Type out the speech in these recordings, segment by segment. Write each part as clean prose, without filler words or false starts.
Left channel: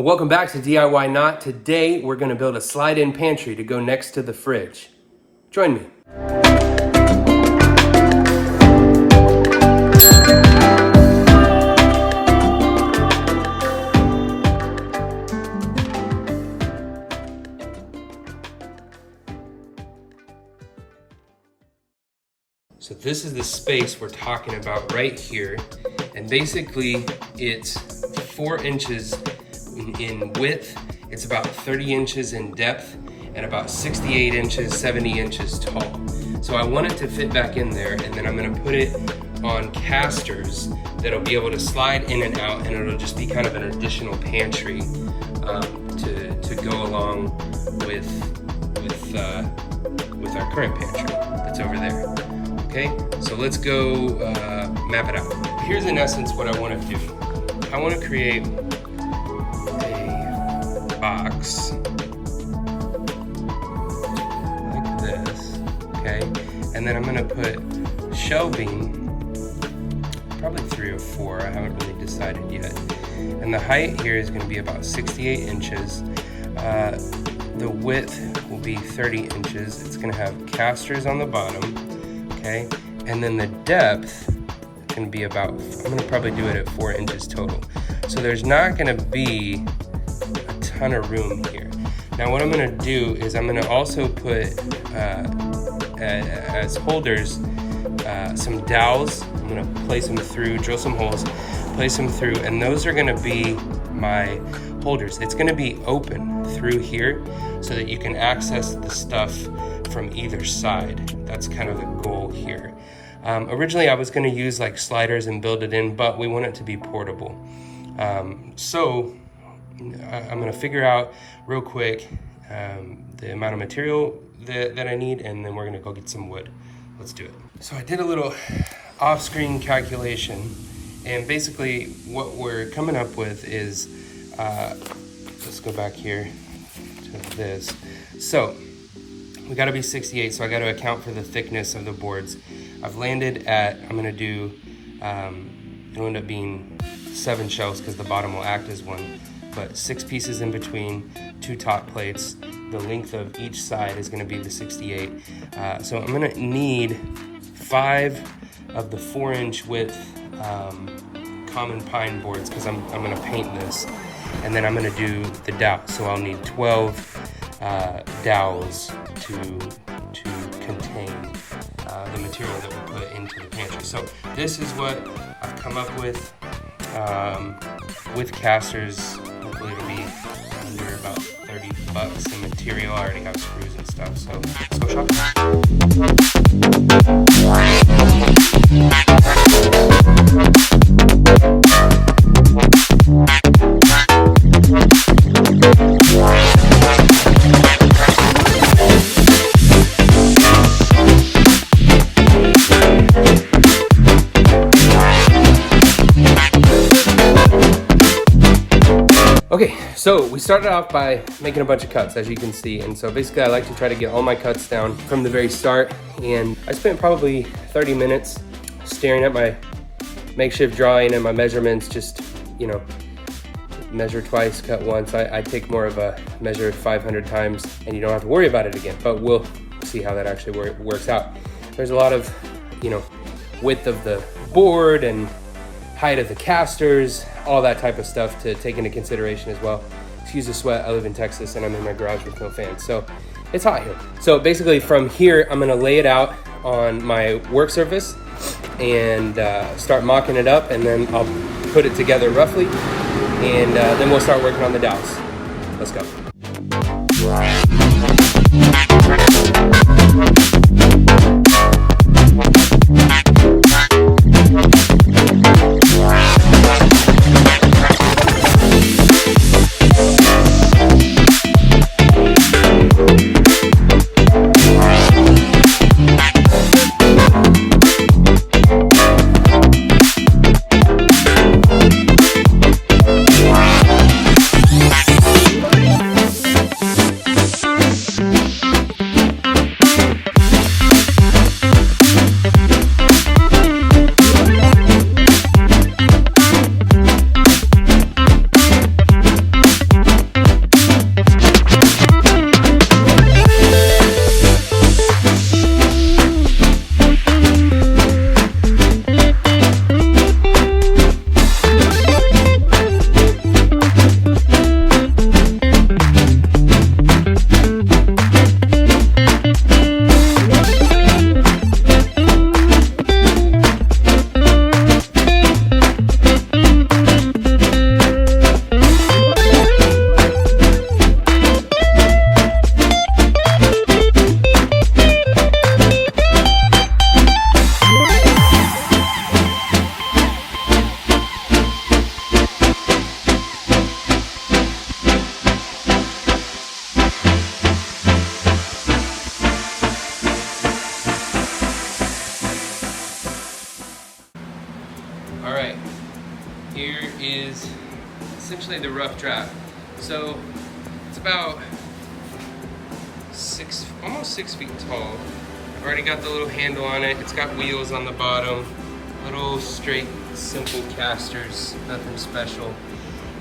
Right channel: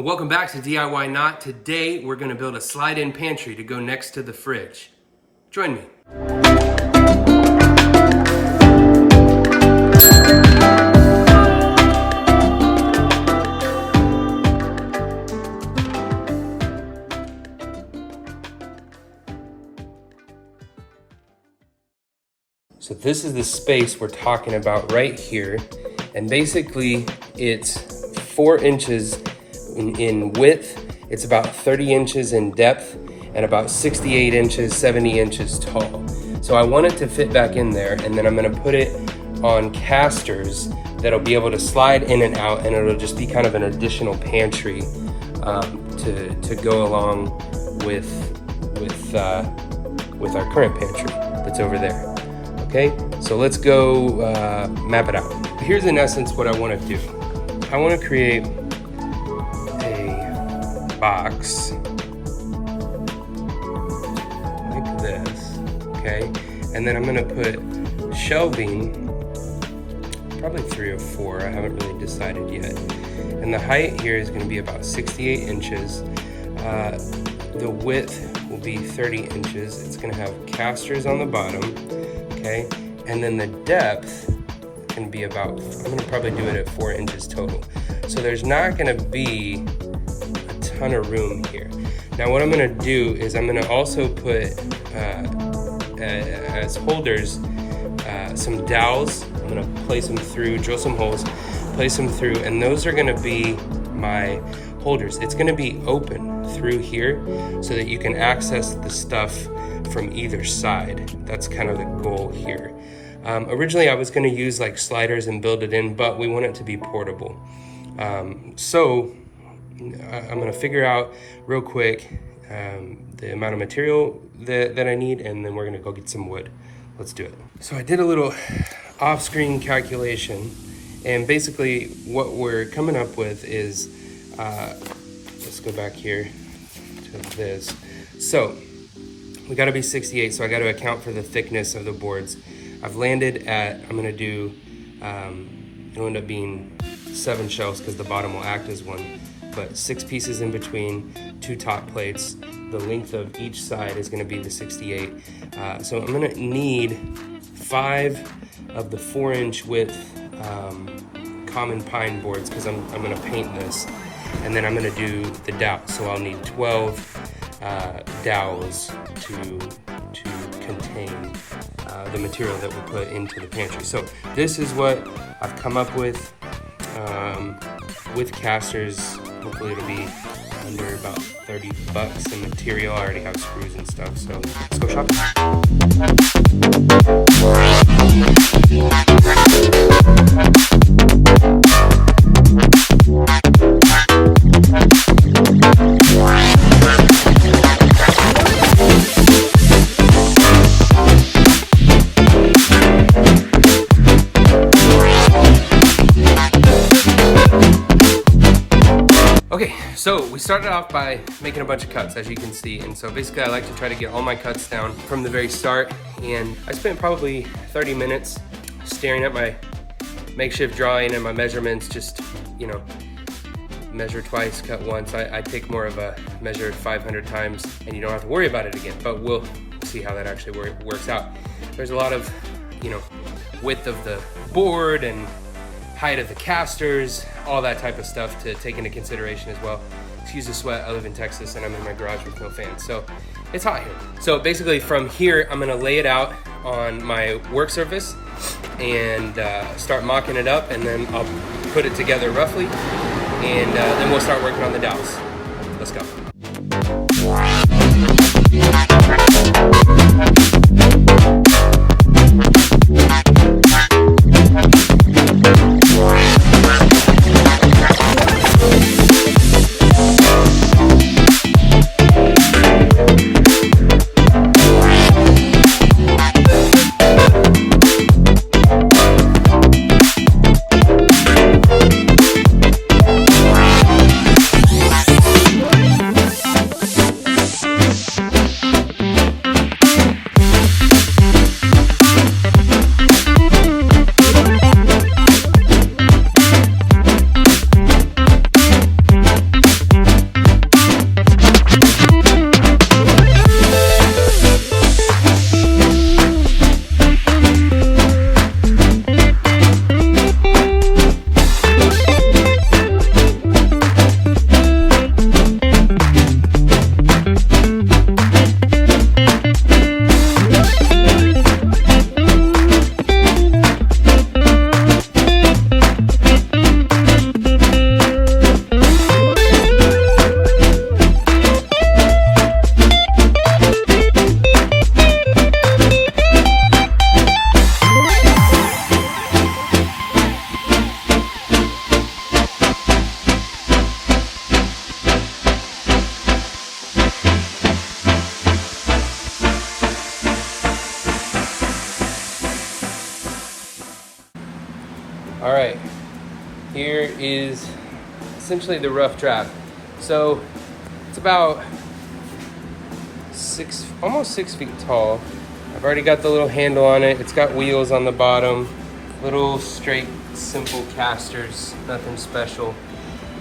And welcome back to DIY Not. Today we're going to build a slide-in pantry to go next to the fridge. Join me. So this is the space we're talking about right here. And basically it's 4 inches in width. It's about 30 inches in depth and about 68 inches, 70 inches tall. So I want it to fit back in there, and then I'm gonna put it on casters that'll be able to slide in and out, and it'll just be kind of an additional pantry to go along with our current pantry that's over there. Okay, so let's go map it out. Here's in essence what I want to do. I want to create a box like this, okay? And then I'm going to put shelving, probably 3 or 4, I haven't really decided yet. And the height here is going to be about 68 inches. The width will be 30 inches. It's going to have casters on the bottom. Okay, and then the depth can be about, I'm gonna probably do it at 4 inches total. So there's not gonna be a ton of room here. Now what I'm gonna do is I'm gonna also put, as holders, some dowels. I'm gonna place them through, drill some holes, place them through, and those are gonna be my holders. It's gonna be open through here so that you can access the stuff from either side. That's kind of the goal here. Originally I was going to use like sliders and build it in, but we want it to be portable. So I'm going to figure out real quick the amount of material that I need, and then we're going to go get some wood. Let's do it. So I did a little off-screen calculation, and basically what we're coming up with is, let's go back here to this. So we gotta be 68, so I gotta account for the thickness of the boards. I've landed at, I'm gonna do, it'll end up being 7 shelves because the bottom will act as one, but 6 pieces in between, 2 top plates. The length of each side is gonna be the 68. So I'm gonna need 5 of the 4-inch width common pine boards because I'm gonna paint this. And then I'm gonna do the dowel, so I'll need 12 dowels to contain the material that we'll put into the pantry. So this is what I've come up with casters. Hopefully it'll be under about $30 in material. I already have screws and stuff, so let's go shopping. Okay, so we started off by making a bunch of cuts, as you can see. And so basically I like to try to get all my cuts down from the very start. And I spent probably 30 minutes staring at my makeshift drawing and my measurements, just, you know, measure twice, cut once. I take more of a measure 500 times and you don't have to worry about it again, but we'll see how that actually works out. There's a lot of, you know, width of the board and height of the casters, all that type of stuff to take into consideration as well. Excuse the sweat, I live in Texas and I'm in my garage with no fans, so it's hot here. So basically from here, I'm gonna lay it out on my work surface and start mocking it up, and then I'll put it together roughly, and then we'll start working on the dowels. Let's go. is essentially the rough draft. So it's about almost 6 feet tall. I've already got the little handle on it. It's got wheels on the bottom, little straight, simple casters, nothing special.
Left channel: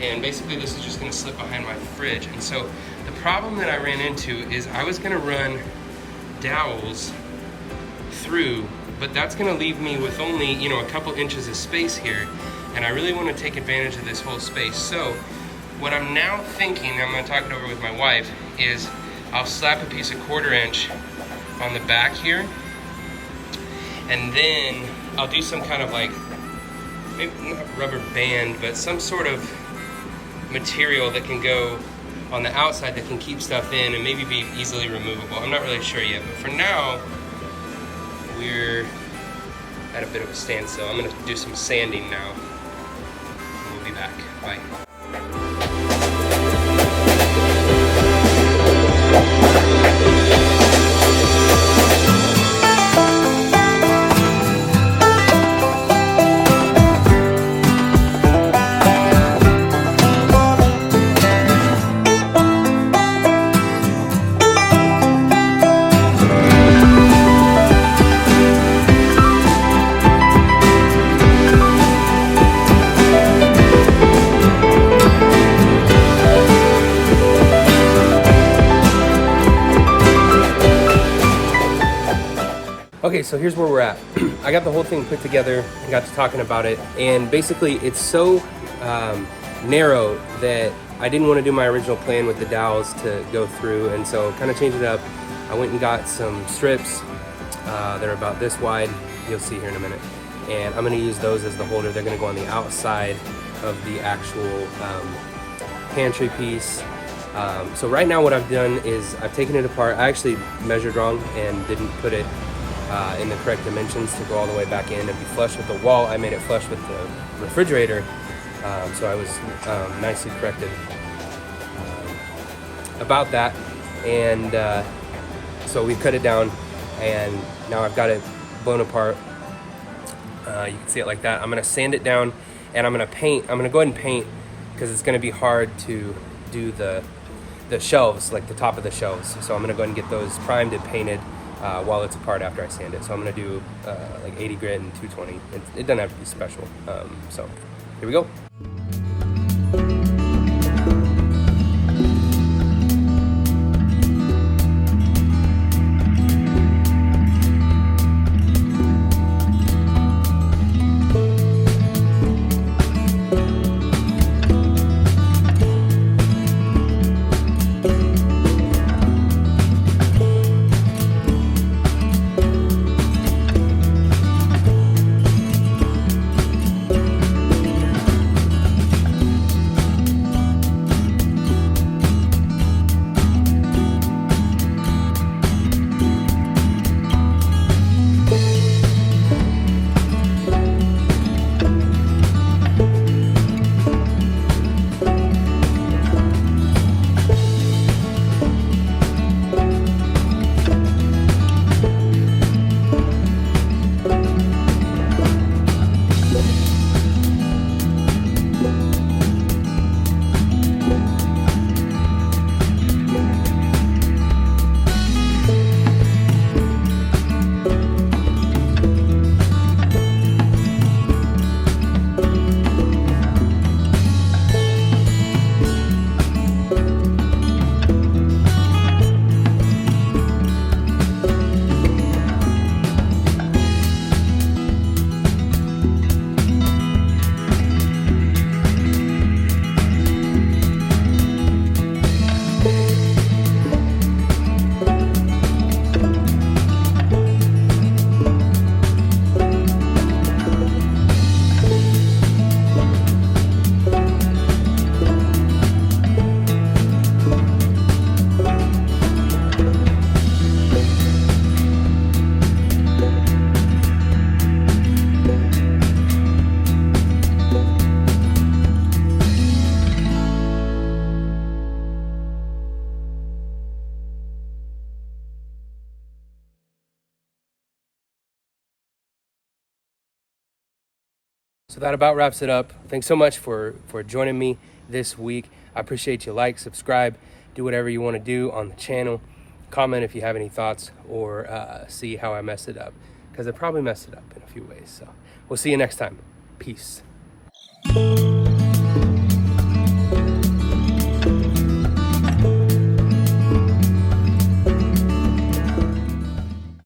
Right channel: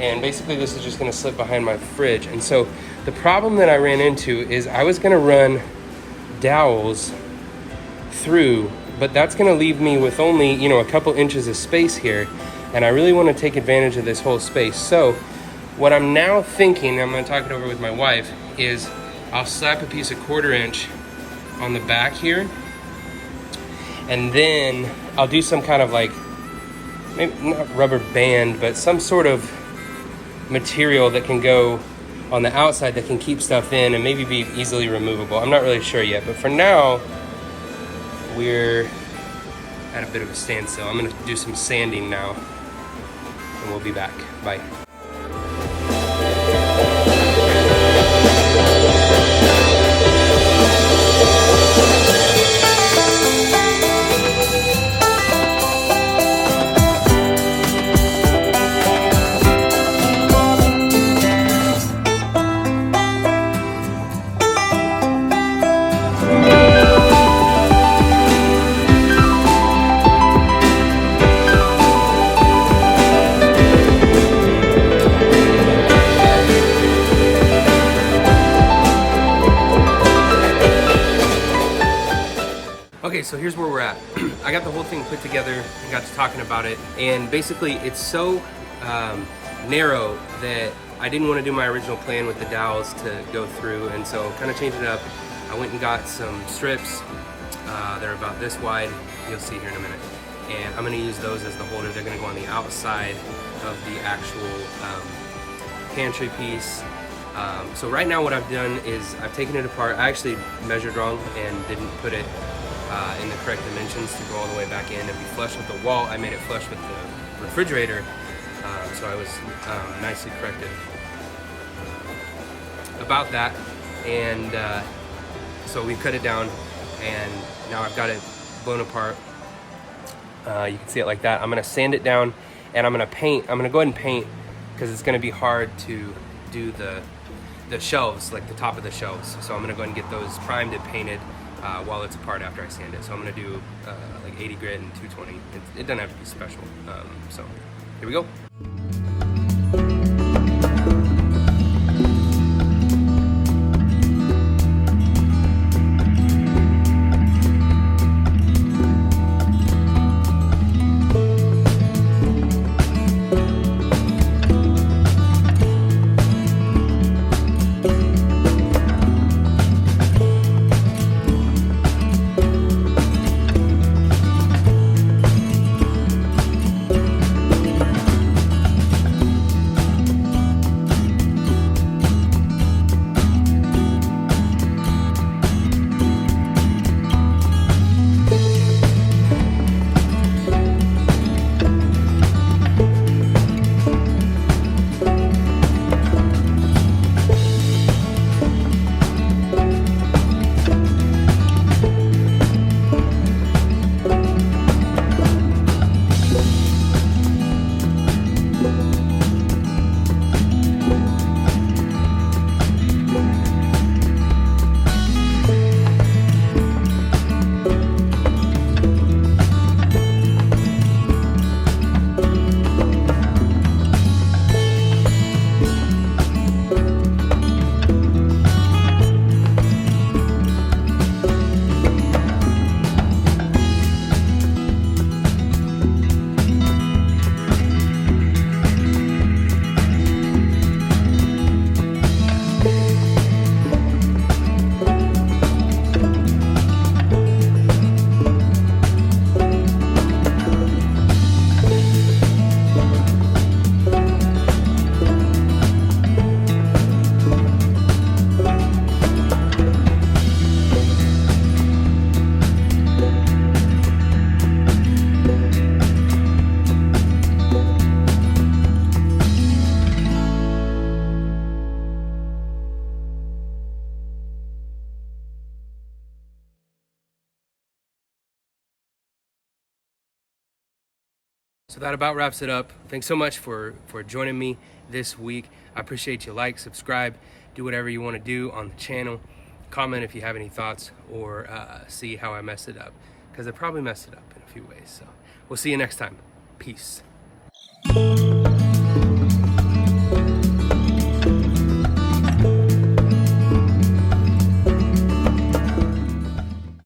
And basically this is just gonna slip behind my fridge. And so the problem that I ran into is I was gonna run dowels through, but that's gonna leave me with only, you know, a couple inches of space here. And I really wanna take advantage of this whole space. So what I'm now thinking, I'm gonna talk it over with my wife, is I'll slap a piece of 1/4 inch on the back here, and then I'll do some kind of like, maybe not rubber band, but some sort of material that can go on the outside that can keep stuff in and maybe be easily removable. I'm not really sure yet, but for now, we're at a bit of a standstill. I'm gonna do some sanding now, and we'll be back. Bye. Okay, so here's where we're at. I got the whole thing put together and got to talking about it, and basically it's so narrow that I didn't want to do my original plan with the dowels to go through, and so kind of changed it up. I went and got some strips. They're about this wide, you'll see here in a minute, and I'm going to use those as the holder. They're going to go on the outside of the actual pantry piece. So right now what I've done is I've taken it apart. I actually measured wrong and didn't put it in the correct dimensions to go all the way back in and be flush with the wall. I made it flush with the refrigerator, so I was nicely corrected about that. And so we cut it down, and now I've got it blown apart. You can see it like that. I'm gonna sand it down, and I'm gonna paint. I'm gonna go ahead and paint because it's gonna be hard to do the shelves, like the top of the shelves. So I'm gonna go ahead and get those primed and painted while it's apart after I sand it. So I'm gonna do like 80 grit and 220. It doesn't have to be special. So here we go. So that about wraps it up. Thanks so much for joining me this week. I appreciate you. Like, subscribe, do whatever you want to do on the channel. Comment if you have any thoughts, or see how I messed it up, because I probably messed it up in a few ways. So we'll see you next time. Peace.